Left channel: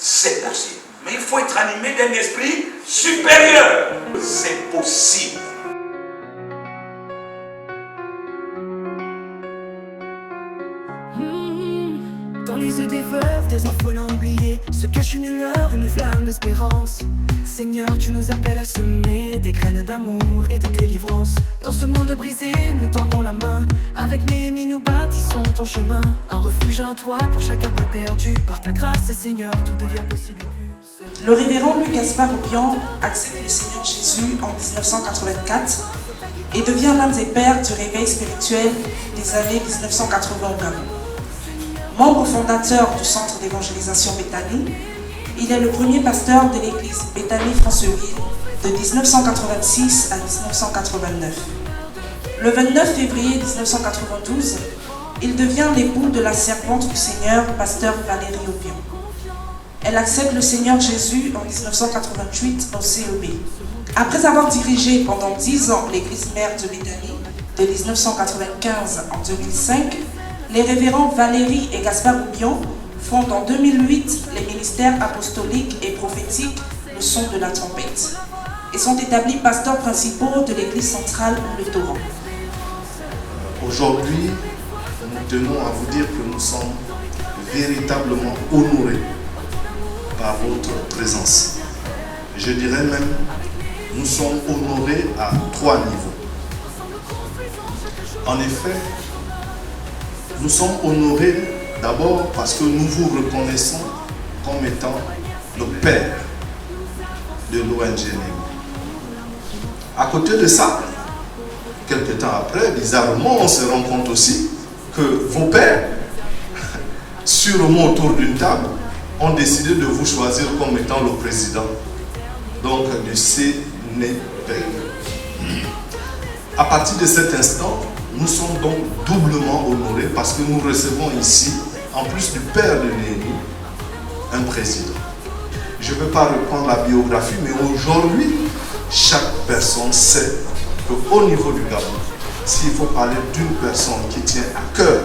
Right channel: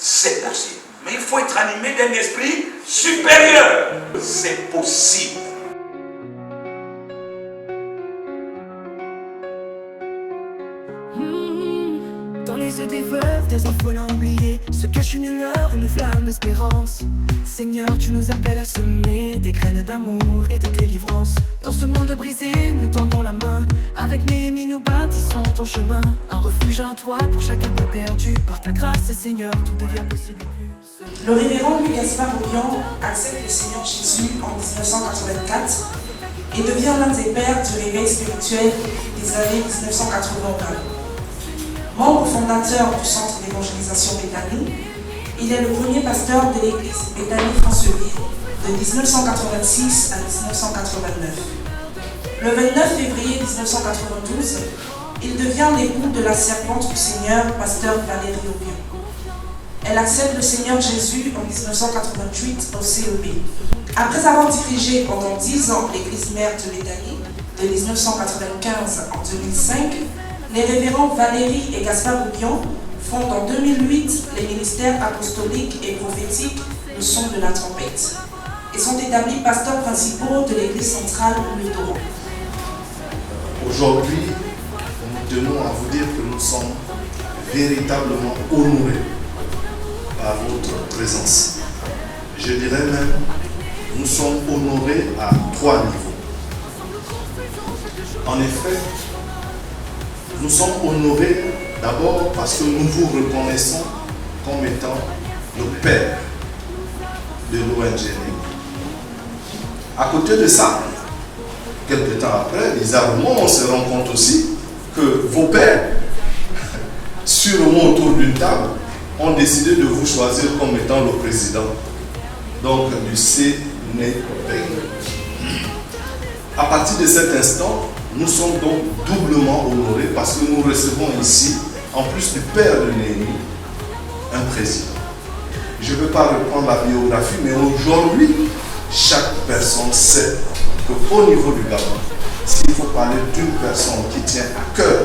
c'est possible. Mais il faut être animé d'un esprit supérieur. C'est possible. Dans les yeux des veuves, des orphelins oubliés, se cache une lueur, une flamme d'espérance. Seigneur, tu nous appelles à semer des graines d'amour et de délivrance. Dans ce monde brisé, nous tendons la main. Avec Néhémie, nous bâtissons ton chemin. Un refuge, un toit pour chacun peu perdu. Par ta grâce, Seigneur, tout devient possible. Le révérend Louis Gaspard Oubian accepte le Seigneur Jésus en 1984 et devient l'un des pères du réveil spirituel des années 1980 au Gabon. Membre fondateur du centre d'évangélisation Béthanie, il est le premier pasteur de l'église Béthanie-Franceville de 1986 à 1989. Le 29 février 1992, il devient l'époux de la servante du Seigneur, pasteur Valérie Oubian. Elle accepte le Seigneur Jésus en 1988 au CEB. Après avoir dirigé pendant 10 ans l'église mère de Béthanie, de 1995 en 2005, les révérends Valérie et Gaspard Oubian fondent en 2008 les ministères apostoliques et prophétiques Le Son de la Trompette et sont établis pasteurs principaux de l'église centrale Le Torrent. Aujourd'hui, nous tenons à vous dire que nous sommes véritablement honorés par votre présence. Je dirais même, nous sommes honorés à 3 niveaux. En effet, nous sommes honorés d'abord parce que nous vous reconnaissons comme étant le père de l'ONG Néhémie. À côté de ça, quelques temps après, bizarrement, on se rend compte aussi que vos pères, sûrement autour d'une table, ont décidé de vous choisir comme étant le président donc du CNEPI. À partir de cet instant, nous sommes donc doublement honorés parce que nous recevons ici, en plus du père de Néhémie, un président. Je ne peux pas reprendre la biographie, mais aujourd'hui, chaque personne sait qu'au niveau du Gabon, s'il faut parler d'une personne qui tient à cœur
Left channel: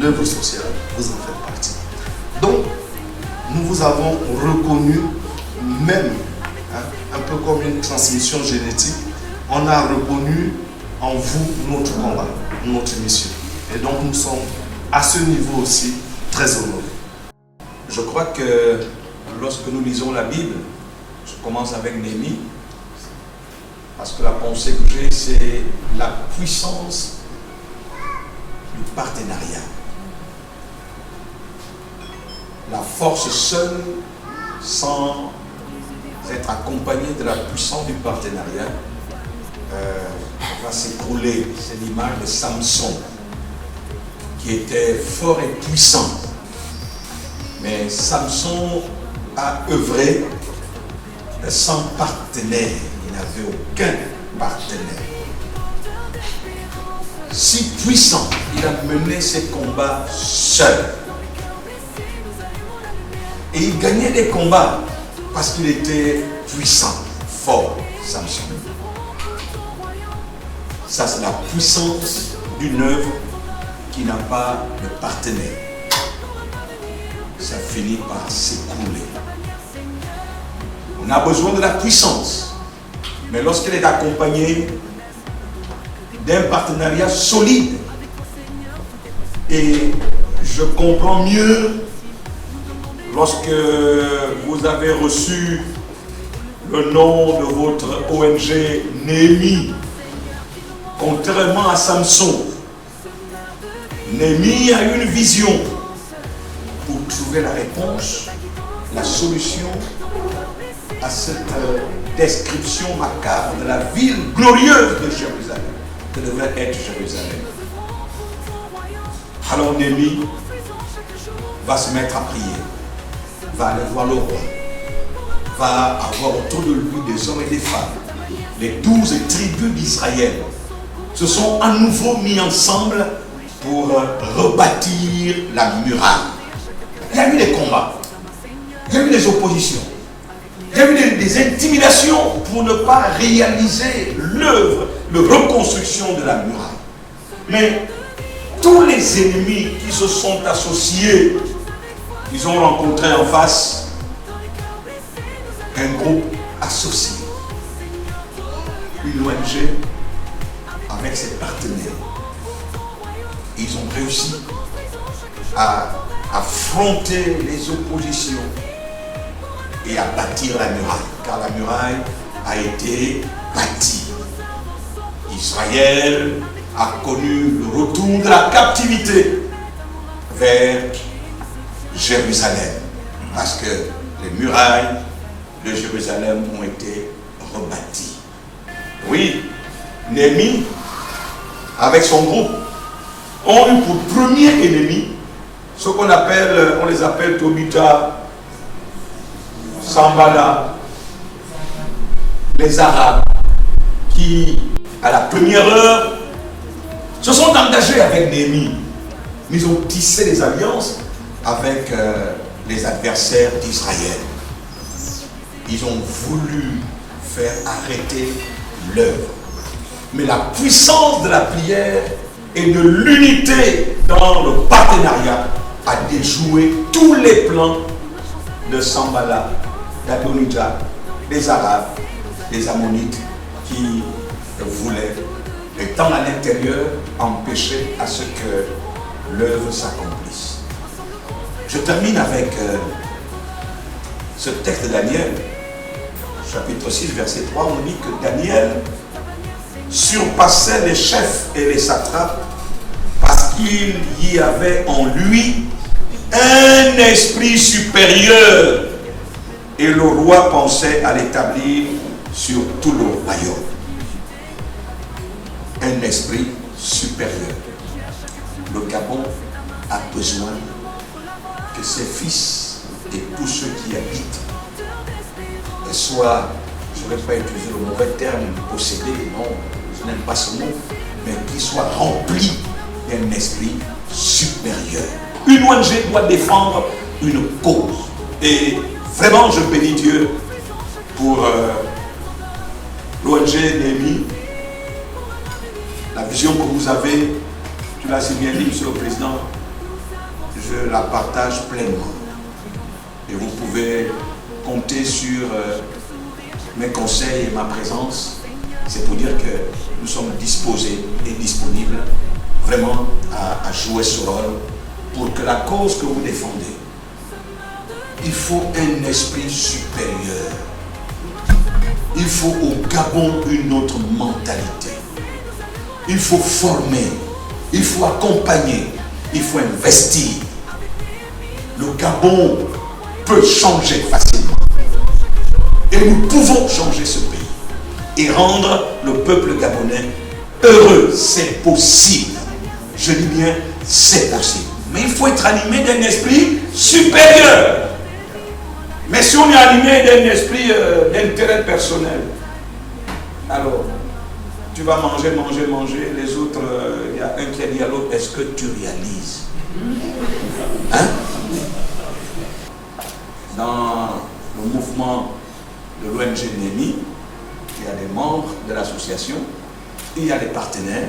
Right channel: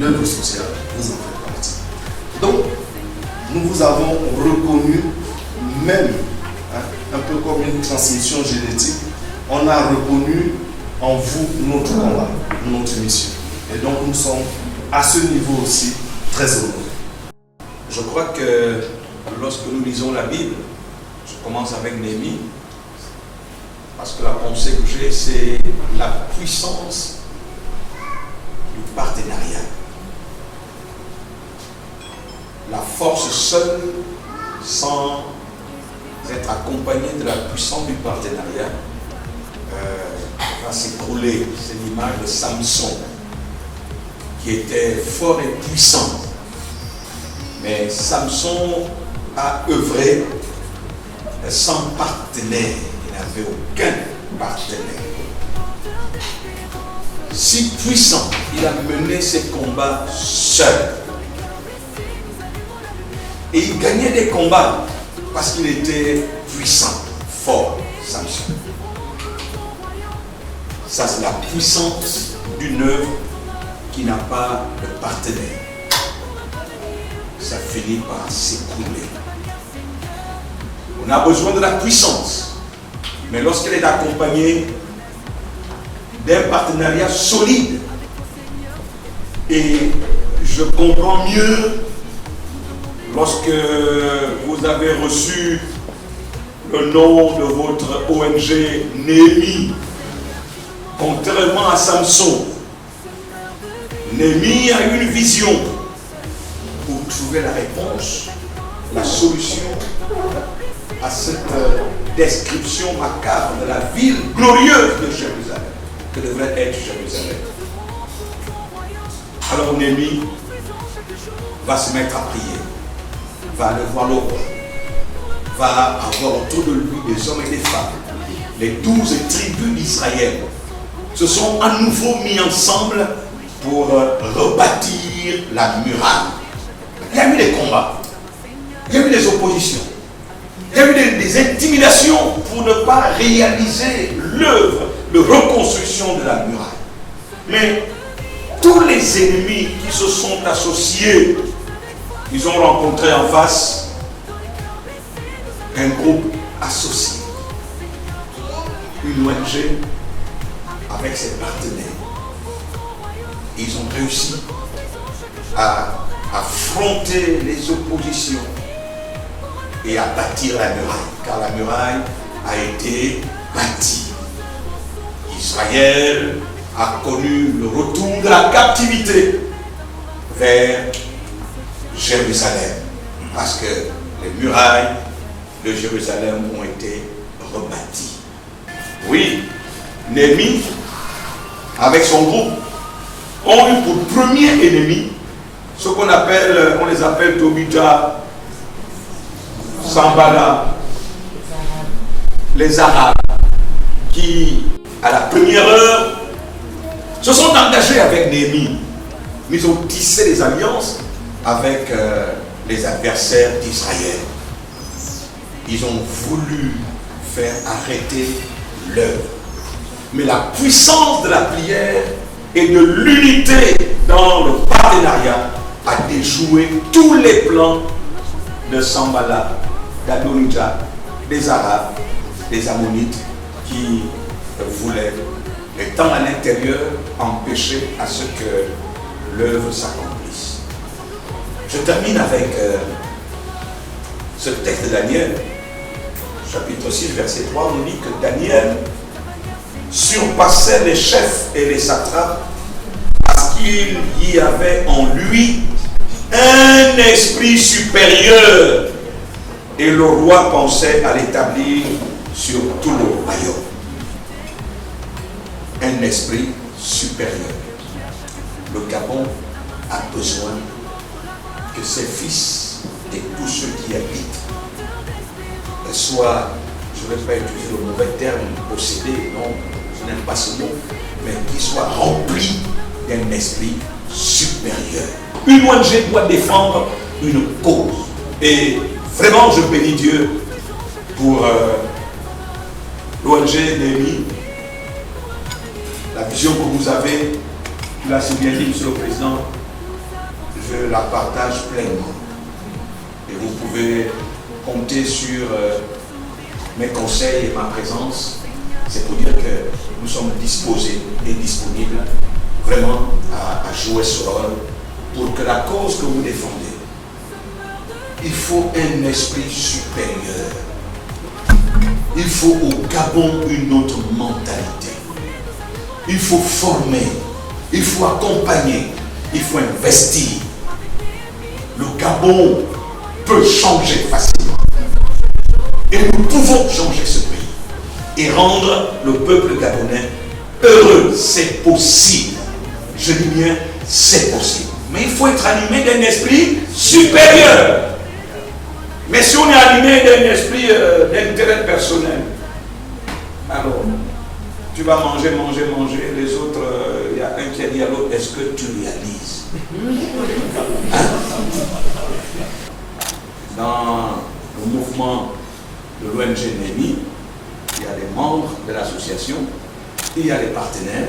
l'œuvre sociale, vous en faites partie. Donc, nous vous avons reconnu même, un peu comme une transmission génétique, on a reconnu en vous notre combat, notre mission. Et donc nous sommes à ce niveau aussi très honorés. Je crois que lorsque nous lisons la Bible, je commence avec Néhémie, parce que la pensée que j'ai, c'est la puissance du partenariat. La force seule, sans être accompagnée de la puissance du partenariat, va s'écrouler. C'est l'image de Samson, qui était fort et puissant. Mais Samson a œuvré sans partenaire. Il n'avait aucun partenaire. Si puissant, il a mené ses combats seul. Et il gagnait des combats parce qu'il était puissant, fort, Samson. Ça, c'est la puissance d'une œuvre qui n'a pas de partenaire. Ça finit par s'écrouler. On a besoin de la puissance, mais lorsqu'elle est accompagnée d'un partenariat solide, et je comprends mieux lorsque vous avez reçu le nom de votre ONG Néhémie. Contrairement à Samson, Néhémie a eu une vision pour trouver la réponse, la solution à cette description macabre de la ville glorieuse de Jérusalem, que devrait être Jérusalem. Alors Néhémie va se mettre à prier, va aller voir le roi, va avoir autour de lui des hommes et des femmes, les 12 tribus d'Israël se sont à nouveau mis ensemble pour rebâtir la muraille. Il y a eu des combats, il y a eu des oppositions, il y a eu des intimidations pour ne pas réaliser l'œuvre de reconstruction de la muraille. Mais tous les ennemis qui se sont associés ils ont rencontré en face un groupe associé, une ONG avec ses partenaires. Ils ont réussi à affronter les oppositions et à bâtir la muraille, car la muraille a été bâtie. Israël a connu le retour de la captivité vers Jérusalem, parce que les murailles de Jérusalem ont été rebâties. Oui, Néhémie, avec son groupe, ont eu pour premier ennemi ce qu'on appelle, on les appelle Tobija, Sanballat, les Arabes, qui, à la première heure, se sont engagés avec Néhémie, mais ils ont tissé des alliances avec les adversaires d'Israël. Ils ont voulu faire arrêter l'œuvre. Mais la puissance de la prière et de l'unité dans le partenariat a déjoué tous les plans de Sanballat, d'Adonijah, des Arabes, des Ammonites qui voulaient, étant à l'intérieur, empêcher à ce que l'œuvre s'accomplisse. Je termine avec ce texte de Daniel, chapitre 6, verset 3, on dit que Daniel surpassait les chefs et les satrapes parce qu'il y avait en lui un esprit supérieur et le roi pensait à l'établir sur tout le royaume. Un esprit supérieur. Le Gabon a besoin que ses fils et tous ceux qui habitent soient, je ne vais pas utiliser le mauvais terme, possédés, non, je n'aime pas ce mot, mais qu'ils soient remplis d'un esprit supérieur. Une ONG doit défendre une cause. Et vraiment, je bénis Dieu pour l'ONG Néhémie. La vision que vous avez, tu l'as si bien dit, Monsieur le Président, je la partage pleinement. Et vous pouvez compter sur mes conseils et ma présence. C'est pour dire que nous sommes disposés et disponibles vraiment à jouer ce rôle pour que la cause que vous défendez, il faut un esprit supérieur. Il faut au Gabon une autre mentalité. Il faut former, il faut accompagner, il faut investir. Le Gabon peut changer facilement. Et nous pouvons changer ce pays et rendre le peuple gabonais heureux. C'est possible. Je dis bien, c'est possible. Mais il faut être animé d'un esprit supérieur. Mais si on est animé d'un esprit d'intérêt personnel, alors tu vas manger, les autres, il y a un qui a dit à l'autre, est-ce que tu réalises? Hein? Dans le mouvement de l'ONG Néhémie, il y a des membres de l'association, il y a des partenaires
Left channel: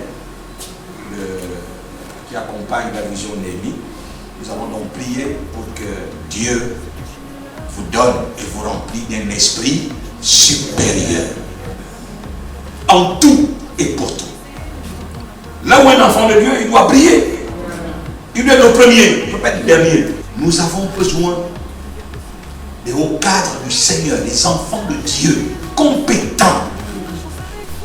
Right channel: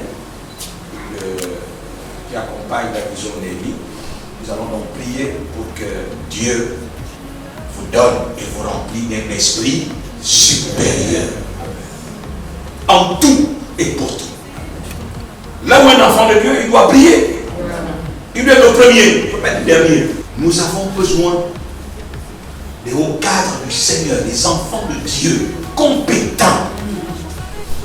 qui accompagnent la vision Néhémie. Nous allons donc prier pour que Dieu vous donne et vous remplisse d'un esprit supérieur. En tout et pour tout. Là où un enfant de Dieu, il doit prier. Il doit être le premier, il ne peut pas être le dernier. Nous avons besoin des hauts cadres du Seigneur, des enfants de Dieu, compétents,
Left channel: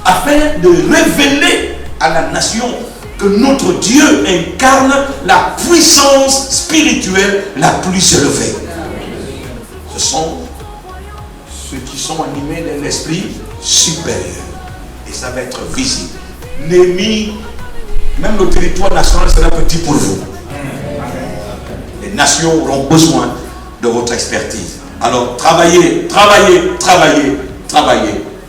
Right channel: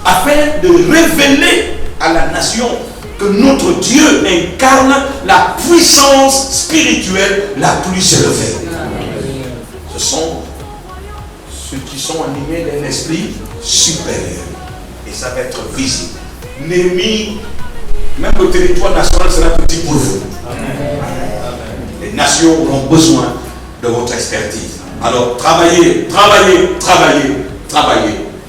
afin de révéler à la nation que notre Dieu incarne la puissance spirituelle la plus élevée. Ce sont ceux qui sont animés d'un esprit supérieur. Et ça va être visible. Néhémie, même le territoire national sera petit pour vous. Les nations auront besoin de votre expertise. Alors travaillez,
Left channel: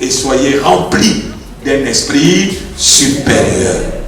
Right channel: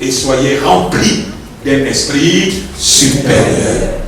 et soyez remplis d'un esprit supérieur.